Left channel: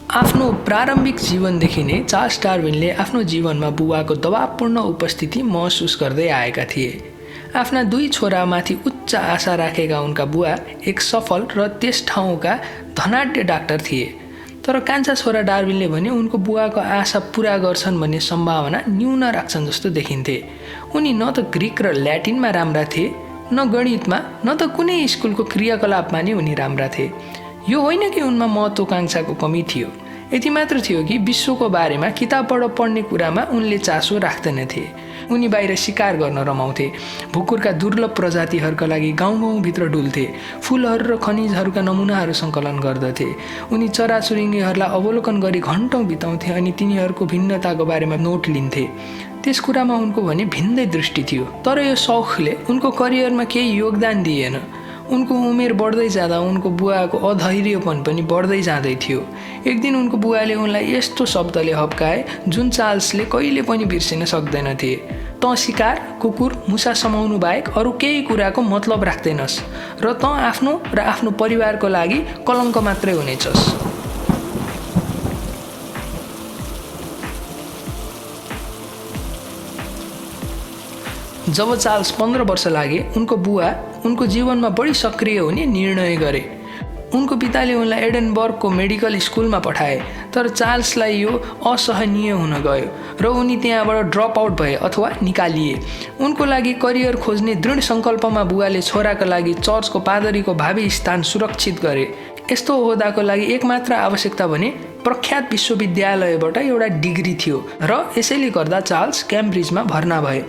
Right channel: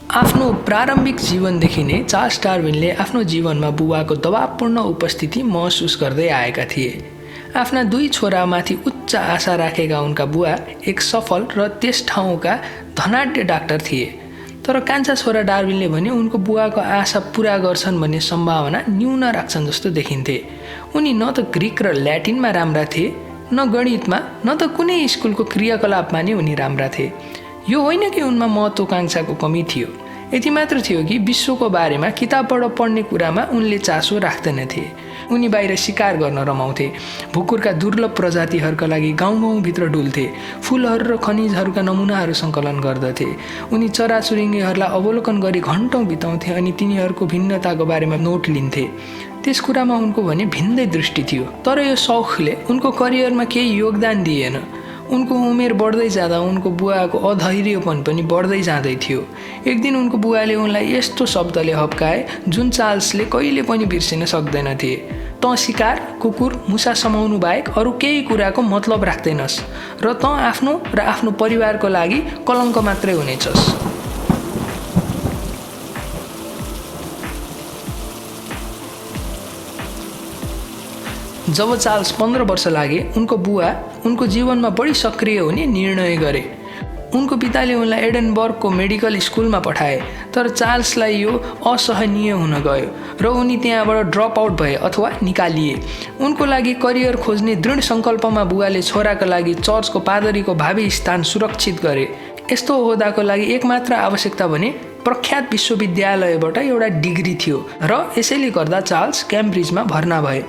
आफ्नो प्रारम्भिक जीवनदेखि नै चार्ल्स डार्विनले आफ्नो जीवनमा बुबाको दबावपूर्ण उपस्थिति महसुस गर्दै आएका थिए। आफ्ना 2 छोरामाथि उच्च आशा राखेका उनका बुवा एक सफल र त्यस ठाउँका धनाढ्य डाक्टर थिए। तर कान्छा छोरा डार्विनले भने उनको बुवाको आशा पूरा गर्छन् भन्ने सम्भावना न्यून राख्छन् जस्तो देखिन्थे। उनी न त ग्रिक र ल्याटिनमा राम्रा थिए, न गणितमा, न त कुनै स्कुलको क्रियाकलापमा नै उनी राम्रा थिए। यो होइन कि उनमा महत्वाकांक्षाको कमी थियो, यति मात्र थियो कि विश्वको बारेमा किताबबाट पढ्ने कुरामा उनले चासो राख्दैनथे। उनी बाहिर शिकार गर्न रमाउँथे, भुकुरका दुर्लभ प्रजातिहरूका लागि गाउँ-गाउँभित्र डुल्थे, फुलहरू र खनिजहरूका नमुनाहरू सङ्कलन गर्दथे। उनी चराचुरुङ्गीहरूलाई अवलोकन गरी घन्टौँ बिताउँथे अनि तिनीहरूको भिन्नताको बारेमा नोट लिन्थे। त्यस कुरामा उनको भने भिन्दै दृष्टि थियो। तर यो सौखले उनको करियरमा केही योगदान दिएन। उनको उमेर बढ्दै जाँदा उनको बुवाको अधैर्यपन पनि बढ्दै जाँदै थियो। एक दिन उनको बुवाले उनलाई यस्तो शब्दले हप्काए जुन चार्ल्सले कहिले पनि बिर्सिन सक्दैनथे। तँ शिकार, कुकुर, मुसा समाउनु बाहेक अरू केही कुराको मतलब राख्दैनस् र तँ आफ्नो र आफ्नो परिवारको लागि कलङ्क मात्रै हुनेछस्। जब चार्ल्स 15 वर्ष लागे उनको बुवा उनको जीवनमा बढी सक्रिय हुने निर्णय गरे। उनको पिताले उनलाई एडनबर्गको मेडिकल स्कुलमा पठाए, तर चार्ल्सलाई यो असहनीय हुन गयो र उनी त्यहाँबाट ड्रप आउट भए अथवा निकालिए। उनको लागि करियर खोज्ने दृढ सङ्कल्पमा बुवाले छोराका लागि चर्चको पादरीको भावी स्थान सुरक्षित गरे। यस्तो ओहदाको लागि एकमात्र आवश्यकता भने प्रख्यात विश्वविद्यालयबाट एउटा डिग्री थियो र यसैले गर्दा चार्ल्स क्याम्ब्रिजमा भर्ना भए।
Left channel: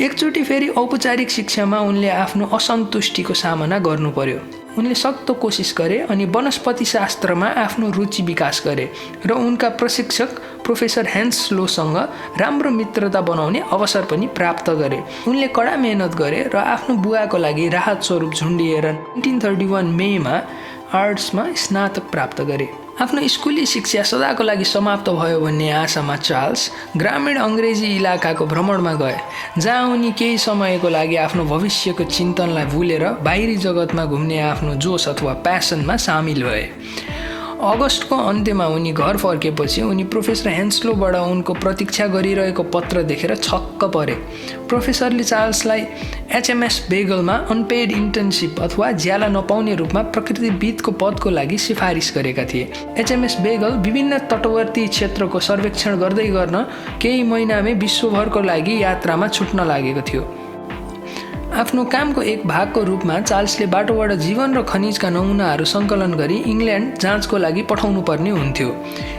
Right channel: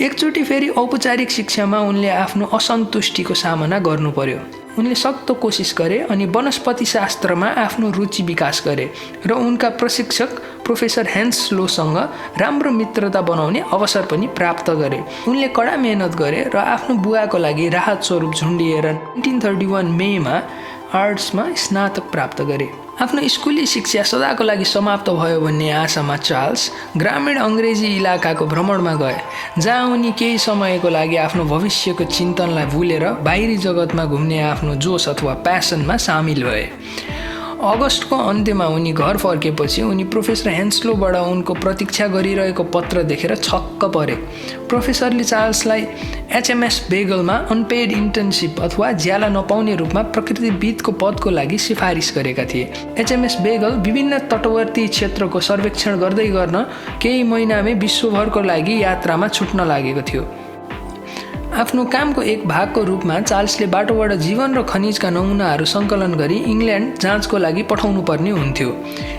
एकचोटि फेरि औपचारिक शिक्षामा उनले आफ्नो असन्तुष्टिको सामना गर्नु पर्यो। उनले सक्दो कोसिस गरे अनि वनस्पति शास्त्रमा आफ्नो रुचि विकास गरे र उनका प्रशिक्षक प्रोफेसर हेन्स लोसँग राम्रो मित्रता बनाउने अवसर पनि प्राप्त गरे। उनले कडा मेहनत गरे र आफ्नो बुवाको लागि राहत स्वरूप झुन्डिएर 1931 मेमा आर्ट्समा स्नातक प्राप्त गरे। आफ्नो स्कुली शिक्षा सदाको लागि समाप्त भयो भन्ने आशामा चार्ल्स ग्रामीण अङ्ग्रेजी इलाकाको भ्रमणमा गए, जहाँ उनी केही समयको लागि आफ्नो भविष्यको चिन्तनलाई भुलेर बाहिरी जगतमा घुम्ने आफ्नो जोस अथवा प्यासनमा सामिल भए। अगस्तको अन्त्यमा उनी घर फर्केपछि उनी प्रोफेसर हेन्सलोबाट उनको प्रतीक्षा गरिरहेको पत्र देखेर छक्क परे। प्रोफेसरले चार्ल्सलाई HMS बेगलमा अनपेड इन्टर्नसिप अथवा ज्याला नपाउने रूपमा प्रकृतिविदको पदको लागि सिफारिस गरेका थिए। HMS बेगल विभिन्न तटवर्ती क्षेत्रको सर्वेक्षण गर्दै गर्न केही महिनामै विश्वभरको लागि यात्रामा छुट्न लागेको थियो। आफ्नो कामको एक भागको रूपमा चार्ल्सले बाटोबाट जीवन र खनिजका नमुनाहरू सङ्कलन गरी इङ्ल्यान्ड जाँचको लागि पठाउनु पर्ने हुन्थ्यो।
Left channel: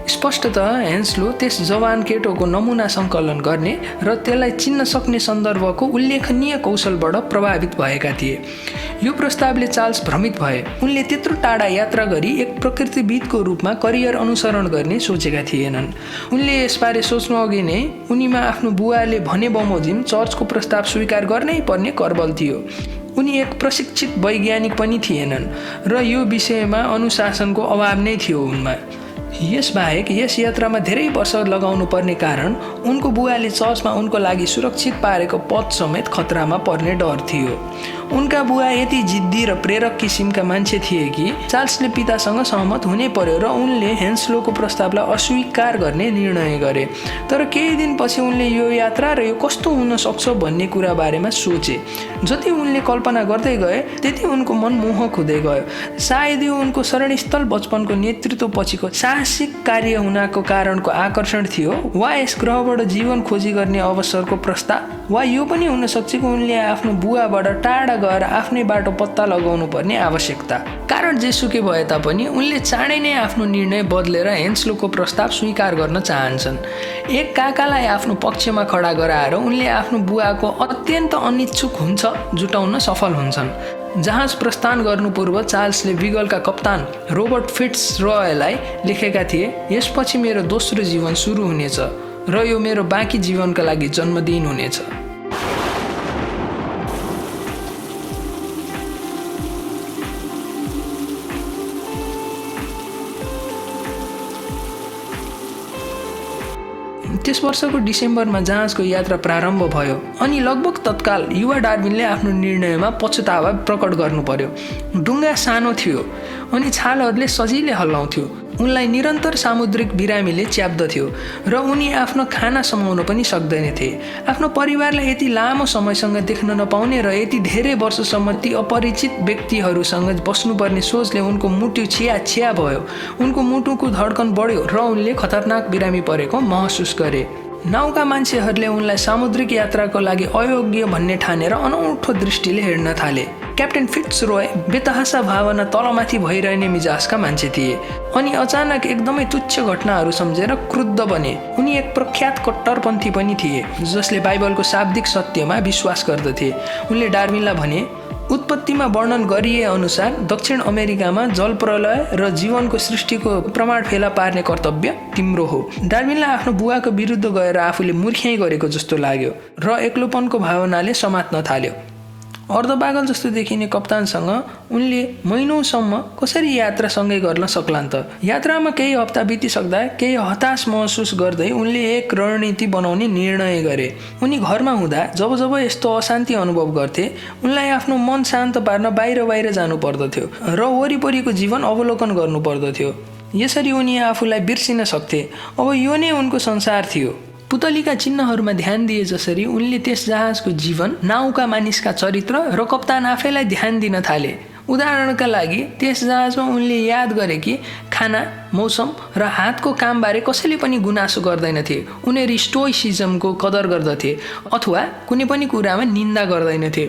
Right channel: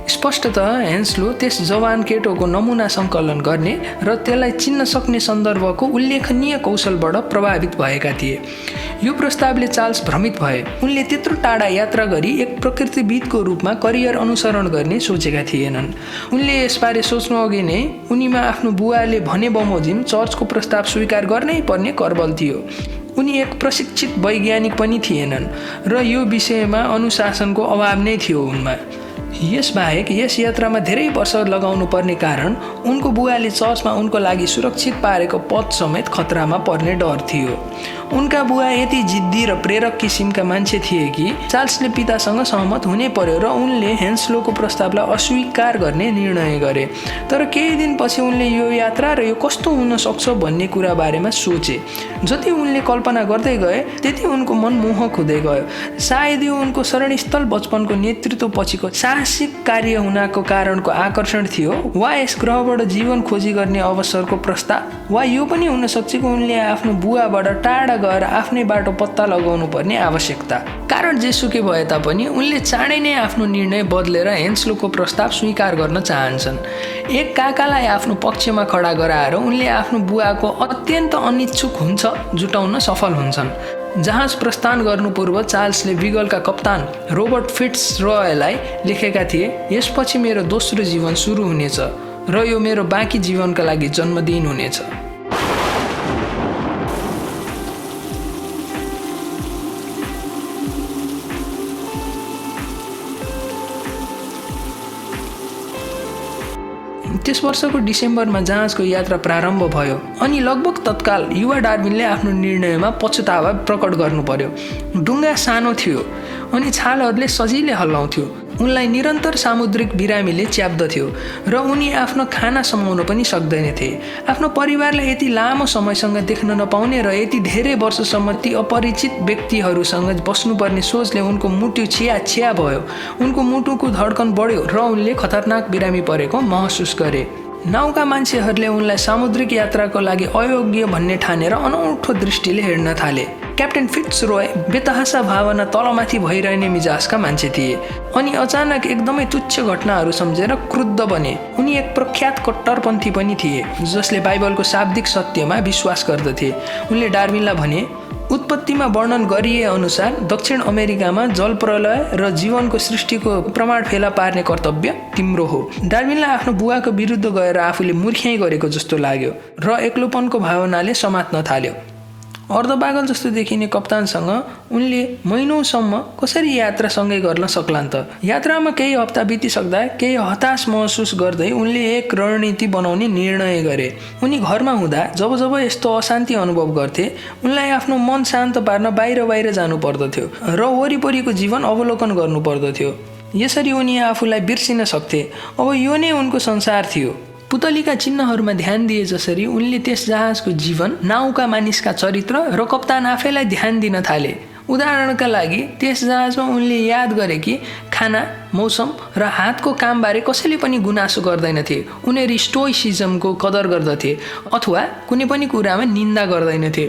स्पष्टतः हेन्सलो त्यस जवान केटोको नमुना सङ्कलन गर्ने र त्यसलाई चिन्न सक्ने सन्दर्भको उल्लेखनीय कौशलबाट प्रभावित भएका थिए। यो प्रस्तावले चार्ल्स भ्रमित भए। उनले त्यत्रो टाढा यात्रा गरी एक प्रकृतिविदको रूपमा करियर अनुसरण गर्ने सोचेका थिएनन्। उनले यसबारे सोच्नु अघि नै उनीमा आफ्नो बुवाले भने बमोजिम चर्चको प्रस्ताव स्वीकार गर्नै पर्ने करबल थियो। उनी एक प्रशिक्षित वैज्ञानिक पनि थिएनन् र यो विषयमा अनुशासनको अभाव नै थियो उनमा। यसबाहेक यस यात्रामा धेरै वर्ष लगाउनु पर्ने कारण उनको बुवाले चर्चमा उनको लागि सुरक्षित पारेको पद समेत खतरामा पर्ने डर थियो। उनका बुवा यति जिद्दी र प्रेरक किसिमका मान्छे थिए कि चार्ल्सले पितासँग सहमत हुनै पर्यो र उनले हेन्सलोको प्रस्तावलाई अस्वीकार गर्ने निर्णय गरे। तर केही दिनपछि उनले यो यात्रा र यो कस्तो हुन सक्छ भन्ने कुरा बारेमा सोचे। जति उनले कल्पना गर्दै गए त्यति उनको मन मोहक हुँदै गयो। सायद यो उनको शरणस्थल बचपनको नेतृत्व पछिको साहसिक कार्य हुनको कारणको आकर्षण थियो, वा यस ग्रहबाट जीवन खोजी गर्ने अवसरको प्रस्ताव, वा यो पनि हुन सक्छ कि उनले आफ्नो बुवाबाट टाढा गएर आफ्नै बाटो पत्ता लगाउनु पर्ने आवश्यकता। कारण जेसुकै भए तापनि उनले चाँडै नै आफ्नो निर्णय बदलेर हेन्सलोको प्रस्ताव स्वीकार गर्न चाहन्छन्। एक काकालाई आफ्नो पक्षमा खडा गराएर उनले आफ्नो बुवाको अत्यन्त अनिच्छुक हुन्छ जुटाउन सफल हुन्छन्। जहाज प्रस्थान गर्नु पूर्व चार्ल्सले बिगलका कप्तान रोबर्ट फिट्जरॉयलाई लेखेका थिए, यसपछि मेरो दोस्रो जीवन सुरु हुनेछ र यो मेरो बाँकी जीवनका लागि जन्मदिन हुनेछ। त्यस वर्षको डिसेम्बरमा जहाजको यात्रा प्रारम्भ भयो अनि लगभग तत्काल युवा डार्विनले आफ्नो निर्णयमा पछुतावा प्रकट गर्नु पर्यो। डुङ्गा सानो थियो अनि छालहरूले सजिलै हल्लाउँथ्यो, उनलाई निरन्तर सामुद्रिक बिरामीले च्याप्दथ्यो र उनी आफ्नो खाना समाउन पनि सक्दैनथे। आफ्नो परिवारलाई यति लामो समयसँग देख्न नपाउने र यति धेरै वर्षसम्म ती अपरिचित व्यक्तिहरूसँग बस्नुपर्ने सोचले उनको मुटु छिया भयो। उनको मुटुको धड्कन बढ्यो र उनले खतरनाक बिरामी परेको महसुस गरे। नाउका मान्छेहरूले उनलाई सामुद्रिक यात्राको लागि अयोग्य भन्ने ठानेर अनौठो दृष्टिले हेर्न थाले। क्याप्टेन फिट्जरोय बेतहासा भावना तलमाथि भइरहने मिजाजका मान्छे थिए अनि अचानक एकदमै तुच्छ घटनाहरू सम्झेर क्रुद्ध बने। उनी एक प्रख्यात कट्टरपन्थी पनि थिए जसले बाइबलको शाब्दिक सत्यमा विश्वास गर्दथे। उनले डार्विनलाई भने, उत्पत्तिमा वर्णन गरिए अनुसार दक्षिण अमेरिकामा जलप्रलय र जीवनको सृष्टिको प्रमाण फेला पार्ने कर्तव्य तिम्रो हो। डार्विनलाई आफ्नो बुवाको विरुद्ध गएर आफूले मूर्ख्याइ गरेको जस्तो लाग्यो र एक्लोपनको भावनाले समात्न थाल्यो। अर्धपागल जस्तो देखिने कप्तानसँग उनले महिनौसम्म कसरी यात्रा सँगै गर्न सक्लान् त। यात्रामा केही हप्ता बितिसक्दा केही हताश महसुस गर्दै उनले एक रणनीति बनाउने निर्णय गरे। उनी घरमा हुँदा जब जब यस्तो अशान्ति अनुभव गर्थे उनलाई आफ्नो मन शान्त पार्न बाहिर जानु पर्दथ्यो र वरिपरिको जीवन अवलोकन गर्नु पर्दथ्यो। यसरी उनी आफूलाई बिर्सिन सक्थे। अब यो नै उनको संसार थियो। पुतलीका चिन्हहरूमा ध्यान दिए जसरी उनले त्यस जहाजको जीवन, नाउका मानिसका चरित्र र कप्तान आफैलाई ध्यान दिन थाले। उदाहरणका लागि त्यस जहाजमा उनले याद गरे कि खाना, मौसम र हातको कामबारे कसैले पनि गुनासो गर्दैनथे। उनीहरू स्टोइसिजमको कदर गर्दथे अथवा कुनै पनि कुरामा निन्दा गर्दैनथे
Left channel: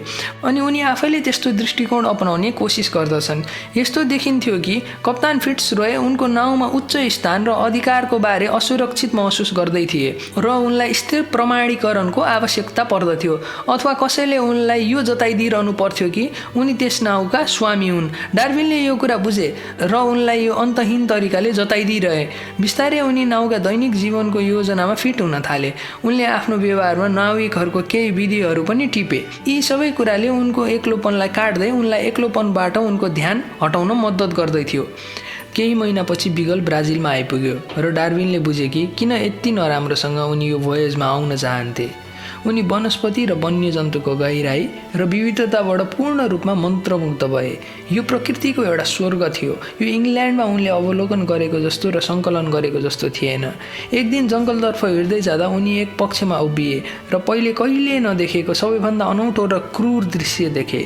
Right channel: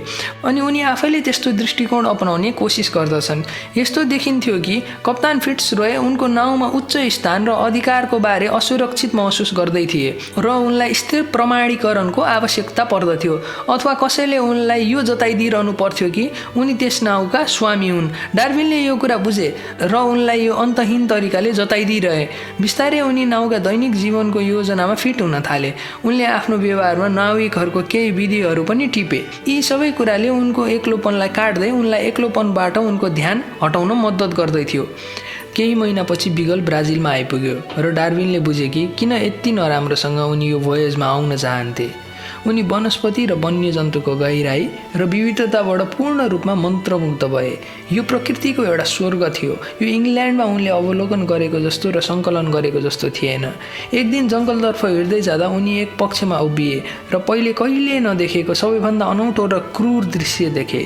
अनि उनी आफैले त्यस्तो दृष्टिकोण अपनाउने कोसिस गर्दछन्। यस्तो देखिन्थ्यो कि कप्तान फिट्जरोय उनको नाउँमा उच्च स्थान र अधिकारको बारे असुरक्षित महसुस गर्दै थिए र उनलाई स्थिर प्रमाणीकरणको आवश्यकता पर्दथ्यो अथवा कसैले उनलाई यो जताइदिइरहनु पर्थ्यो कि उनी त्यस नाउँका स्वामी हुन्। डार्विनले यो कुरा बुझे र उनलाई यो अन्तहीन तरिकाले जताइदिइरहे। बिस्तारै उनी नाउका दैनिक जीवनको योजनामा फिट हुन थाले। उनले आफ्नो व्यवहारमा नाविकहरूको केही विधिहरू पनि टिपे। यी सबै कुराले उनको एक्लोपनलाई काट्दै उनलाई एक्लोपनबाट उनको ध्यान हटाउन मद्दत गर्दै थियो। केही महिनापछि बिगल ब्राजिलमा आइपुग्यो र डार्विनले बुझे कि किन यति नराम्रोसँग उनी यो भोयजमा आउन चाहन्थे। उनी वनस्पति र वन्यजन्तुको गहिराई र विविधताबाट पूर्ण रूपमा मन्त्रमुग्ध भए। यो प्रकृतिको एउटा स्वर्ग थियो। यो इङ्ल्यान्डमा उनले अवलोकन गरेको जस्तो र सङ्कलन गरेको जस्तो थिएन। एक दिन जङ्गलतर्फ हिँड्दै जाँदा उनी एक पक्षमा उभिए र पहिले कहिल्यै नदेखेको सबैभन्दा अनौठो र क्रूर दृश्य देखे।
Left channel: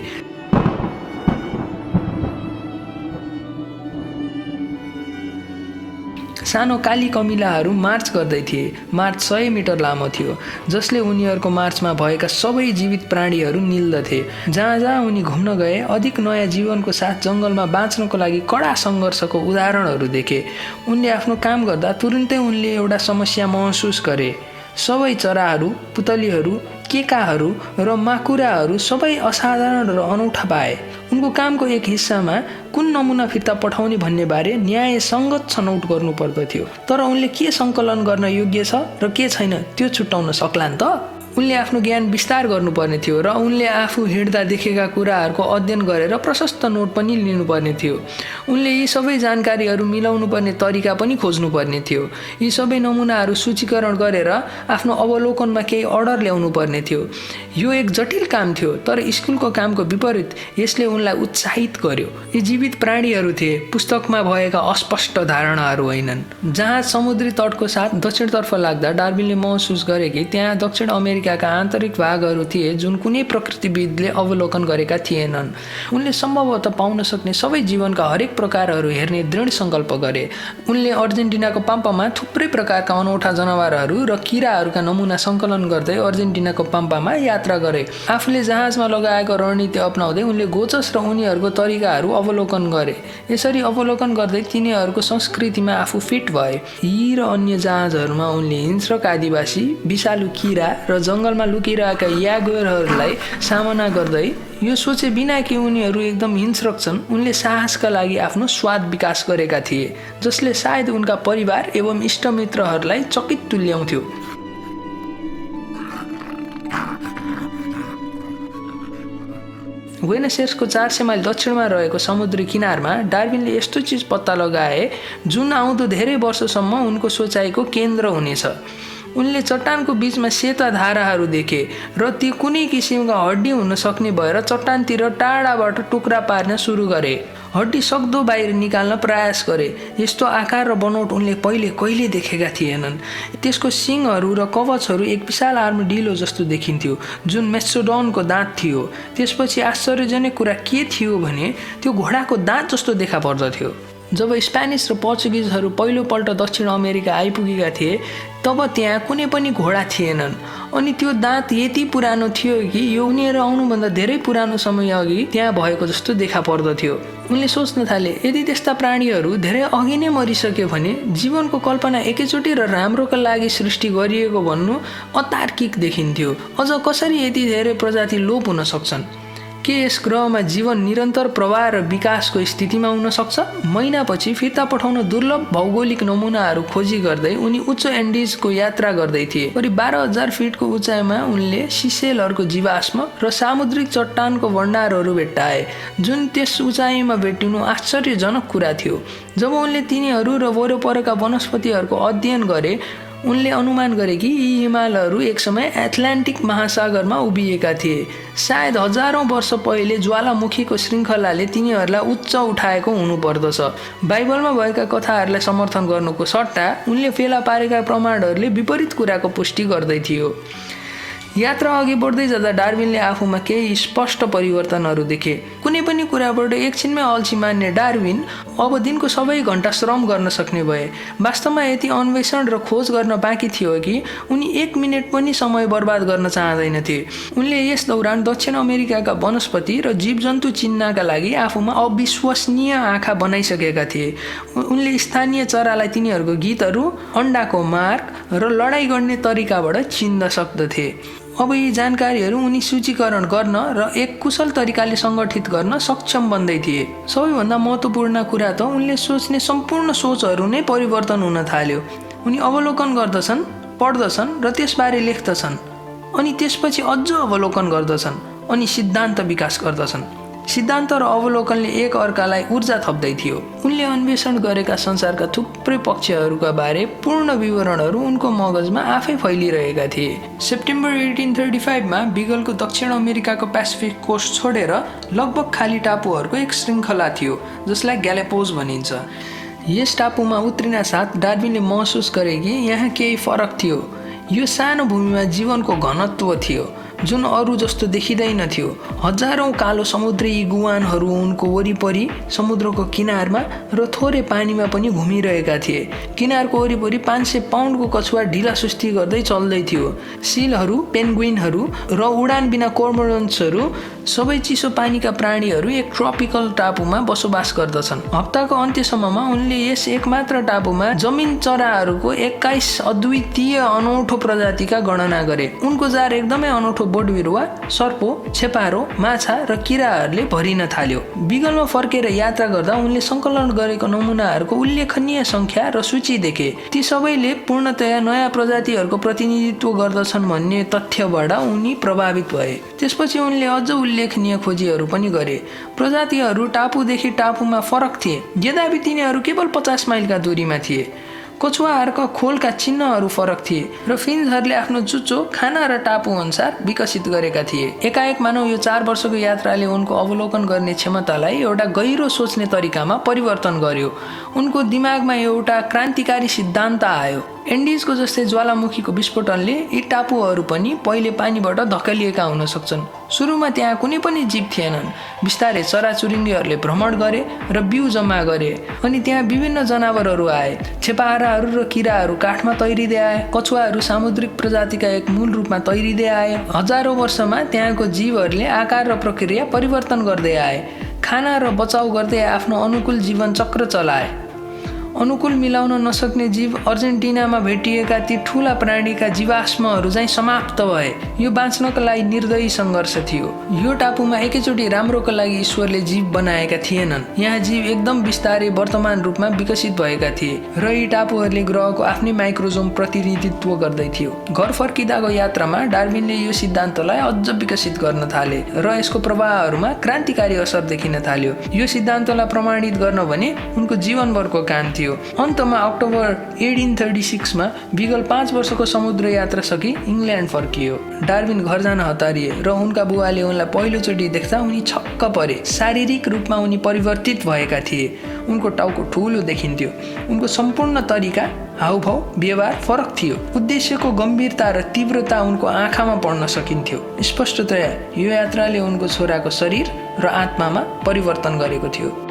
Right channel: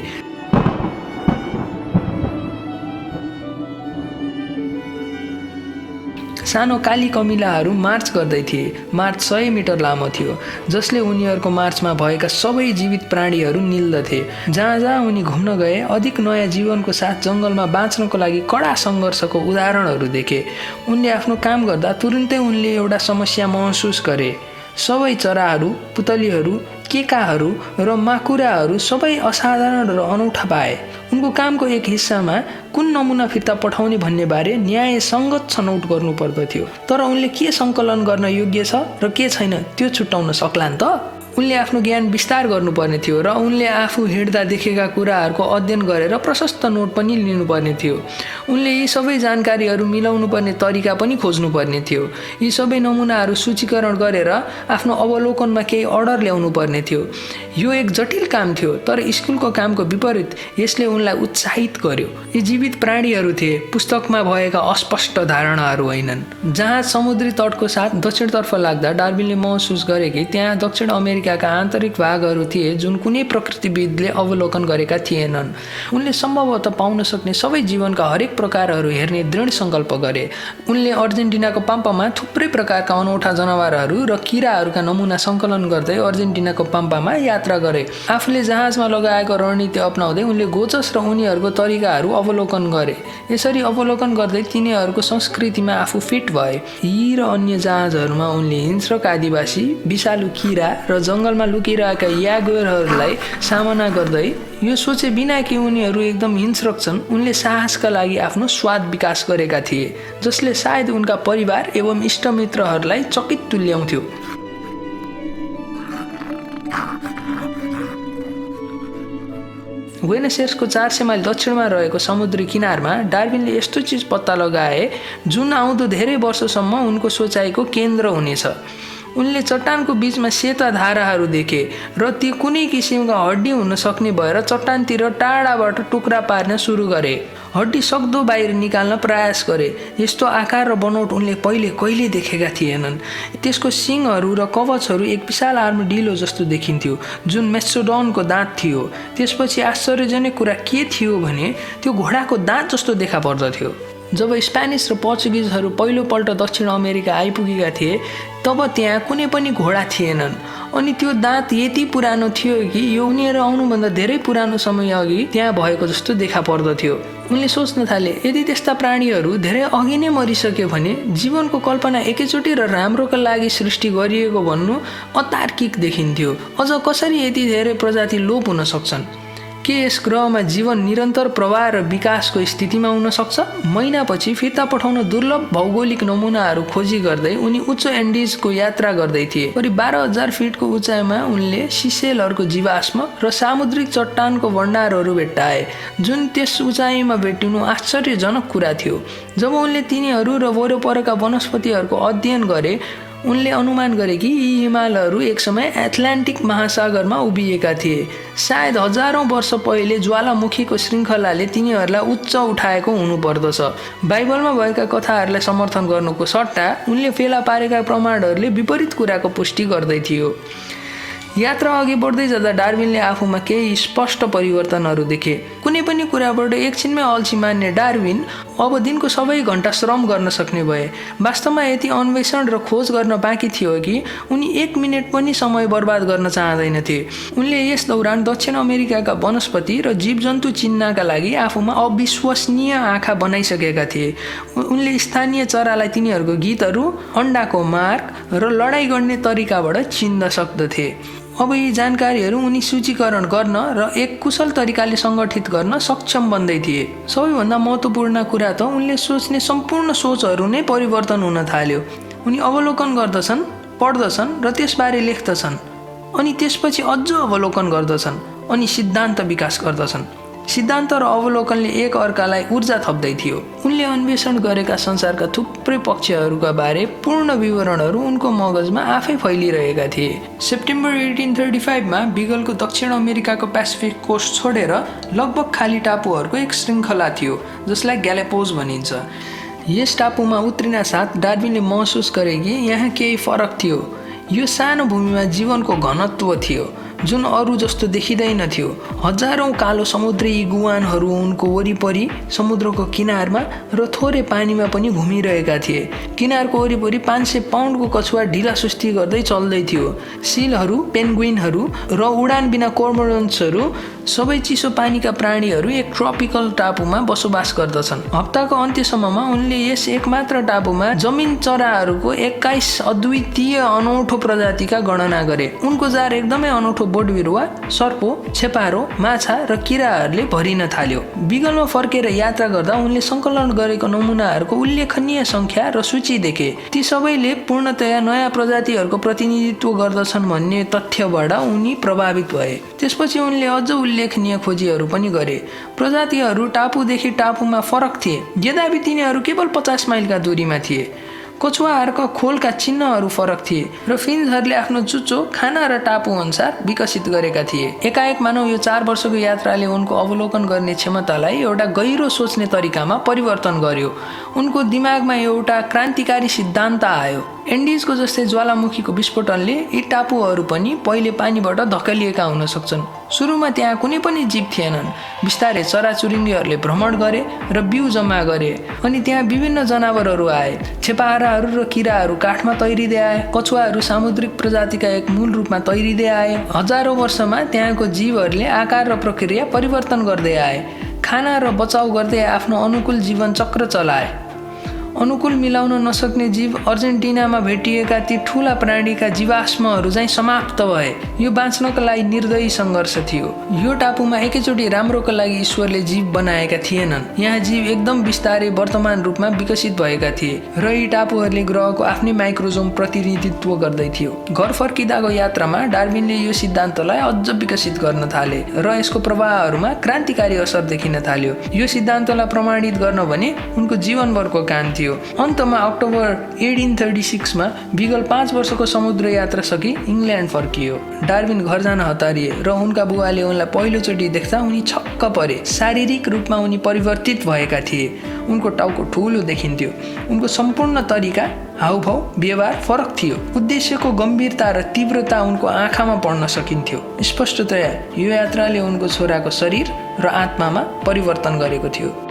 सानो काली कमिलाहरू मार्च गर्दै थिए। मार्च 100 मिटर लामो थियो जसले उनीहरूको मार्चमा भएका सबै जीवित प्राणीहरू निल्दथे। जहाँ जहाँ उनी घुम्न गए अधिक नयाँ जीवनको साथ जङ्गलमा बाँच्नको लागि कडा सङ्घर्षको उदाहरणहरू देखे। उनले आफ्नो काम गर्दा तुरुन्तै उनले एउटा समस्या महसुस गरे। सबै चराहरू, पुतलीहरू, केकाहरू र माकुराहरू सबै असाधारण र अनौठा पाए। उनको कामको एक हिस्सामा कुन नमुना फिर्ता पठाउने भन्ने बारे न्यायसङ्गत छनौट गर्नु पर्दथ्यो। तर उनले के सङ्कलन गर्न योग्य छ र के छैन त्यो छुट्याउन सक्लान् त। उनले आफ्नो ज्ञान विस्तार गर्नुपर्ने थियो र उनले आफू हिँड्दा देखेका कुराहरूको अध्ययन गरेर प्रशस्त नोट पनि लिनुपर्ने थियो। उनले यी सबै जानकारीहरू मिलाउनु पर्ने तरिका पनि खोज्नुपर्ने थियो। यी सबै नमुनाहरू सूचीकरण गरेर आफ्नो अवलोकनमा केही अर्डर ल्याउनु पर्ने थियो। यो एक जटिल काम थियो तर स्कुलको कामको विपरीत यसले उनलाई उत्साहित गर्यो। यी जीवित प्राणीहरू थिए, पुस्तकमा भएका अस्पष्ट धारणाहरू होइनन्। जहाँ समुद्री तटको साथ दक्षिणतर्फ लाग्दा डार्विनले महसुस गरे कि त्यहाँ दक्षिण अमेरिकाका आन्तरिक भागहरू थिए जुन कुनै प्रकृतिविदले अवलोकन गरेका थिएनन्। उनले सम्भवतः पाउन सक्ने सबै जीवनका हरेक प्रकारहरू हेर्ने दृढ सङ्कल्प गरे। उनले अर्जेन्टिनाको पाम्पामा थुप्रै प्रकारका अनौठा जनावरहरू र किराहरूका नमुना सङ्कलन गर्दै अर्जेन्टिनाको पाम्पामा यात्रा गरे। आफूले जहाजमा लगाएको रणनीति अपनाउँदै उनले गोचस र उनीहरूको तरिकाहरू अवलोकन गरे। यसरी अवलोकन गर्दै तिनीहरूको संस्कृतिमा आफू फिट भए। यी र अन्य जहाजहरूमा उनले हिंस्रक आदिवासी, विषालु किरा र जङ्गलमा लुकिरहेका यागुरहरूलाई सामना गर्दै यो सोचे बिना कि उनीहरू एकदम हिंस्रक छन् उनले साहसका लागि आफ्नो स्वाद विकास गरेका थिए जसले सायद उनका परिवार एवं इष्टमित्रहरूलाई चकित तुल्याउँथ्यो। बुएनस एयर्सको 400 माइल दक्षिणमा रहेको समुद्री किनारमा डार्विनले यस्तो चिज पत्ता लगाए जुन आउँदो धेरै वर्षसम्म उनको सोचाइको केन्द्र हुनेछ। उनले चट्टानको बीचमा सेता धाराहरू देखे र ती कुनै किसिमका हड्डी हुन सक्ने भएर चट्टानतिर टाढाबाट टुक्रा पार्न सुरु गरे। हड्डी सक्दो बाहिर निकाल्न प्रयास गरे। यस्तो आकार र बनोट उनले पहिले कहिले देखेका थिएनन्। त्यसको सिङहरू र कवचहरू एक विशाल आर्मडिलो जस्तो देखिन्थ्यो जुन मेस्टोडोनको दाँत थियो। त्यसपछि आश्चर्यजनक कुरा के थियो भने त्यो घोडाको दाँत जस्तो देखा पर्दथ्यो। जब स्पेनिस र पोर्चुगिजहरू पहिलोपल्ट दक्षिण अमेरिका आइपुगेका थिए तब त्यहाँ कुनै पनि घोडा थिएनन् अनि त्यो दाँत यति पुरानो थियो कि योनिएर आउनुभन्दा धेरै पुरानो समय अघि त्यहाँ भएको जस्तो देखा पर्दथ्यो। उनले सोच्न थाले यदि त्यस्ता प्राणीहरू धेरै अघि नै मरिसक्यो भने जीवनको कल्पना एकैचोटि र राम्रोका लागि सृष्टि गरिएको भन्नु अतार्किक देखिन्थ्यो। अझ कसरी यति धेरै प्रजाति लोप हुन सक्छन्? के यस ग्रहमा जीवन निरन्तर प्रवाह र विकासको स्थितिमा हुन सक्छ? महिनापछि फिर्ता पठाउन दुर्लभ भौगोलिक नमुनाहरू खोजी गर्दै उनी उच्च एन्डिजको यात्रा गर्दै थिए। करिब 12,000 फिटको उचाइमा उनले सिसेलहरूको जीवाश्म र सामुद्रिक चट्टानको भण्डारहरू भेट्टाए जुन त्यस उचाइमा भेटिनु आश्चर्यजनक कुरा थियो। जब उनले तिनीहरू र वरपरका वनस्पतिहरूको अध्ययन गरे उनले अनुमान गरे कि यी हिमालहरू एक समय एटलान्टिक महासागरमा उभिएका थिए। सायद हजारौं वर्ष पहिले ज्वालामुखीको श्रृङ्खलाले तिनीहरूलाई उच्च उठाएको हुनुपर्दछ। बाइबलमा भएका कथाहरूलाई समर्थन गर्नुको सट्टा उनले फेला पारेका प्रमाणहरूले विपरीत कुराको पुष्टि गर्दै थियो। यात्रा अघि बढ्दै जाँदा डार्विनले आफूमा केही स्पष्ट परिवर्तनहरू देखे। कुनै पनि कुराबाट एकछिनमै अल्छी मान्ने डार्विन अब दिनको सबै घण्टा श्रम गर्न सक्ने भए। वास्तवमा यति अन्वेषण र खोज गर्न बाँकी थियो कि उनी 1 मिनेट पनि समय बर्बाद गर्न चाहँदैनथे। उनले यस दौरान दक्षिण अमेरिकाका वनस्पति र जीवजन्तु चिन्नका लागि आफूमा अविश्वसनीय आँखा बनाइसकेका थिए। उनले स्थानीय चरालाई तिनीहरूको गीतहरू, अण्डाको मार्ग र लडाइँ गर्ने तरिकाबाट चिन्न सक्दथे। अब यी जानकारीहरू उनी सूचीकरण गर्न र एक कुशल तरिकाले सङ्गठित गर्न सक्षम बन्दै थिए। सबैभन्दा महत्त्वपूर्ण कुरा त उनले सोच्ने सम्पूर्ण सोचहरू नै परिवर्तन हुन थाल्यो। उनी अवलोकन गर्दछन्, पढ्दछन् र त्यसबारे लेख्दछन् अनि त्यसपछि अझ अवलोकन गर्दछन् अनि सिद्धान्त विकास गर्दछन्। सिद्धान्त र अवलोकनले एक अर्कालाई ऊर्जा थप्दै थियो। उनले अन्वेषण गरेका संसारका थुप्रै पक्षहरूका बारे पूर्ण विवरणहरू उनको मगजमा आफै फैलिरहेका थिए। सेप्टेम्बर 1835 मा बिगलको दक्षिण अमेरिकाको पेसिफिक कोस्ट छोडेर लगभग खाली टापुहरूको एक श्रृङ्खला थियो जसलाई ग्यालापोज भनिन्छ। यस टापुमा उत्रिन साथ डार्विनले महसुस गरे कि यहाँ केही फरक थियो। यो सानो भूमिमा जीवनको घनत्व थियो जुन अरू जस्तो देखिँदैन थियो। हजारौं कालो समुद्री इगुआनहरू उनको वरिपरि समुद्रको किनारमा र थोरै पानीमा पनि घुमिरहेका थिए। किनारको वरिपरि 500 पाउन्डको कछुवा ढिला सुस्ती गर्दै चल्दै थियो। सीलहरू, पेन्गुइनहरू र उडान बिना कोर्मोरन्ट्सहरू सबै चिसो पानीका प्राणीहरू एक ट्रपिकल टापुमा बसोबास गर्दछन्। हप्ताको अन्त्यसम्ममा उनले यस एकमात्र टापुमा जमिन चराहरूको 21 अद्वितीय अनौठो प्रजातिका गणना गरे। उनको जार एकदमै अनौठो बोट बिरुवा, सर्पो, छेपारो, माछा र किराहरूले भरिन थाल्यो। बिगलमा फर्केर यात्रा गर्दा उनले सङ्कलन गरेको नमुनाहरूको उल्लेखनीय सङ्ख्या र सूची देखे। ती सबैले पूर्णतया नयाँ प्रजातिहरूको प्रतिनिधित्व गर्दछन् भन्ने तथ्यबाट उनी प्रभावित भए। त्यसपछि उनले अझ उल्लेखनीय खोजीहरू पनि गरे। प्रजातिहरू टापुदेखि टापुमा फरक थिए, यद्यपि तिनीहरू केवल 50 माइलका दूरीमा थिए। कछुवाहरूका खोलका चिन्हहरू फरक थिए र फिन्सहरूले आफ्नो चुच्चो खाना र टापु अनुसार विकसित गरेका थिए। एकाएक मानव यो 4 वर्षको यात्राले उनको अवलोकन गर्ने क्षमतालाई एउटा गहिरो सोच्ने तरिकामा परिवर्तन गर्यो। उनको दिमागमा एउटा क्रान्तिकारी सिद्धान्त आयो। एन्डिजको जस्तै ज्वालामुखीको विस्फोटनले यी टापुहरू पनि पहिले पानीबाट धकेलिएका हुन सक्छन्। सुरुमा त्यहाँ कुनै पनि जीव थिएनन्। बिस्तारै चराचुरुङ्गीहरूले भ्रमण गरे र बिउ जम्मा गरे अनि त्यहाँ विभिन्न जनावरहरू आए। छेपाराहरू र किराहरू काठमा तैरिँदै आए। कछुवाहरू सामुद्रिक प्रजातिका एक मूल रूपमा तैरिँदै आए। हजारौं वर्षमा त्यहाँको जीवहरूले आकार र प्रक्रिया परिवर्तन गर्दै आए। खाना र बचाउ गर्दै आफ्नो अनुकूल जीवन चक्र चलाए। अनुकूल मिलाउन नसक्ने जीव अर्जेन्टिनामा भेटिएका ती ठूला प्राणीका जीवाश्महरू चाहिँ समाप्त भए। यो बाँच्नका लागि निर्दयी सङ्घर्ष थियो। यो टापुमा एकैचोटि राम्रोका लागि ईश्वरले जीव बनाएका थिएनन्। यहाँ जीव एकदम बिस्तारै वर्तमान रूपमा विकसित भएका थिए र यी टापुहरूले ग्रहको आफ्नै माइक्रोजोम प्रतिनिधित्व गर्दै थियो। घर फर्किँदाको यात्रामा डार्विनले यो सिद्धान्तलाई अझ विकसित गर्न थाले र यसको प्रभावहरूमा क्रान्तिकारी असर देखिन थाल्यो। यो सिद्धान्तलाई प्रमाणित गर्न भने उनको जीवनभरको काम थियो। थियो। अन्तमा अक्टोबर 1836 मा बिगल 5 वर्षको समुद्र यात्रा सकी इङ्ल्यान्ड फर्कियो। डार्विन घर जान हतारिए र उनका बुवाले उनलाई पहिलोचोटि देख्दा उनी छक्क परे। शारीरिक रूपमा उनी परिवर्तित भएका थिए। उनको टाउको ठूलो देखिन्थ्यो। उनको सम्पूर्ण तरिका, हाउभाउ, व्यवहार फरक थियो। उद्देश्यको गम्भीरता र तीव्रता उनको आँखामा पढ्न सकिन्थ्यो। स्पष्टतया यो यात्राले उनको छोराको शरीर र आत्मामा परिवर्तन गरेको थियो।